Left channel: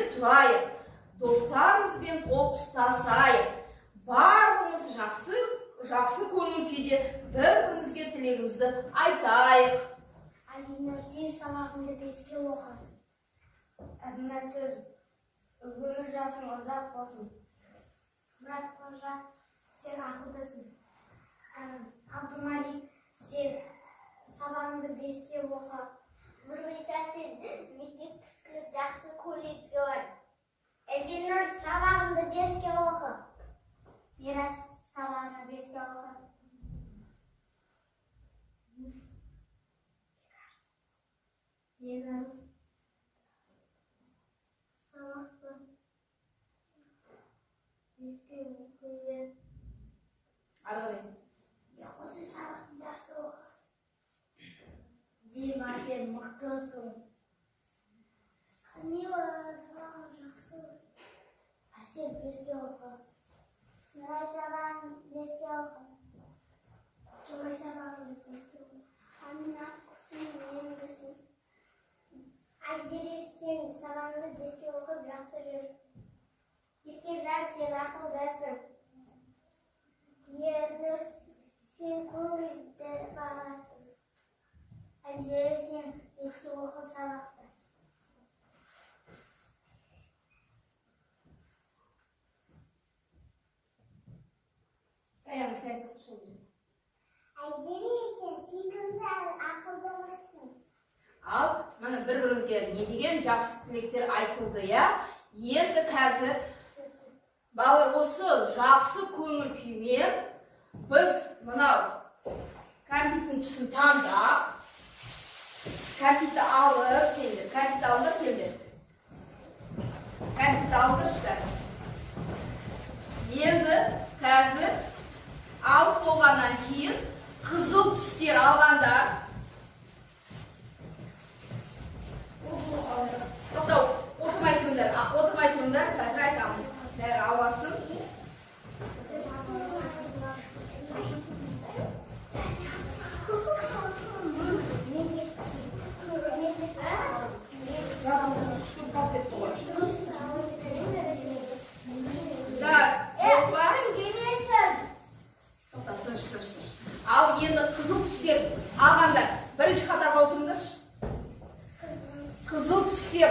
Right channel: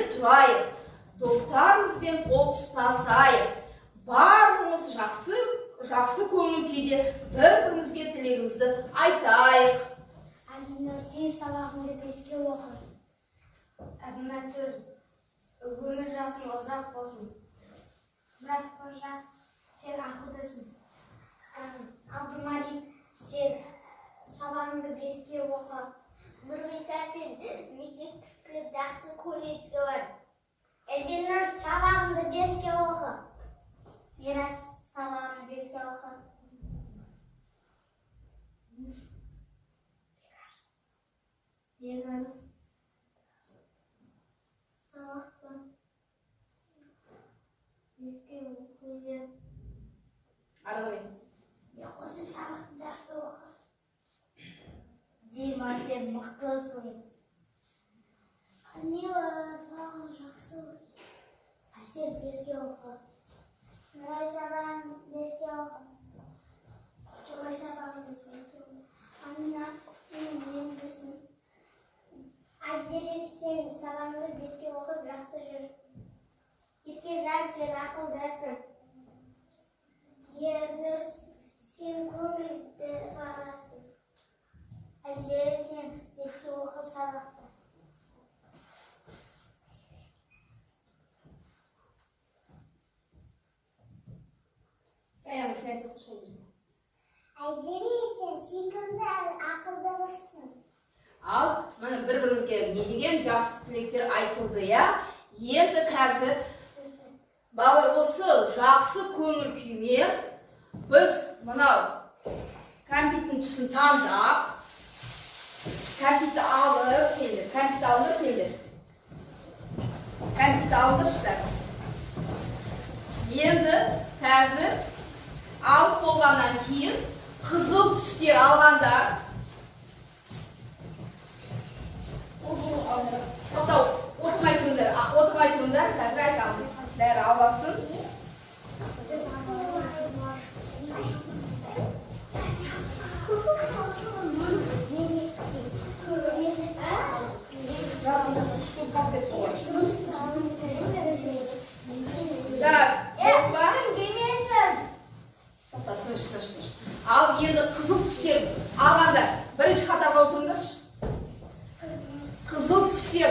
тұрайық, достарымызбен қол ұстасайық. Барлығымыз жақсы көңіл күйде бір-бірімізге тілегімізді айтайық. Алинар, сен сабағыңды 5-ке оқы. Әбмәтір, өмір жасың ұзақ болсын. Мұрат Қожа, сен ақылдысың. Абдумалик, сен сабағыңды 5-ке оқы. Нұрбиса, сен мектеп бітіріп жақсы колледжге бар. Эльбинур, сабағыңды 5-ке оқы. Мирас, сабағыңды 5-ке оқы. Бекарыс, сабақты 5-ке оқы. Арғырайын. Осы сабақты жақсы оқы. Дима, сен мықтысың. Камила, сабағың жақсы оқы. Әсел, 5-ке оқы. Нұрай, сабағың 5-ке оқы. Тұрай, сабағың 5-ке оқы. Амина, сен емдісің. Айзере, сен сабағыңды 5-ке оқып жақсы жүр. Еркежан, сен ақылдасың. Ернұр, сен көңілді бағасың. Айзере, сен 5-ке оқы сабақты. Аяғын сен айтасың шайды. Айзере, сен сүйкімді ақылдылысың. Ал, мына бір-бірімізге не деген жақсы тілектер айтылды, я? Енді қазір балалар осы жақсы көңіл күймен біз мынау кәмпиттің түсін таңдап, кәмпитті алып келдік, кәмпитті алдыршпәріз. Енді қазір алып болғаннан кейін қызыл түстер алғандар. Отырмай тұрыңдар, қазір айтамыз. Бәрі аласын. Ал енді қызыл түстер алғандар. Бірінші қатарға отырыңдаршы. Қызыл түстер.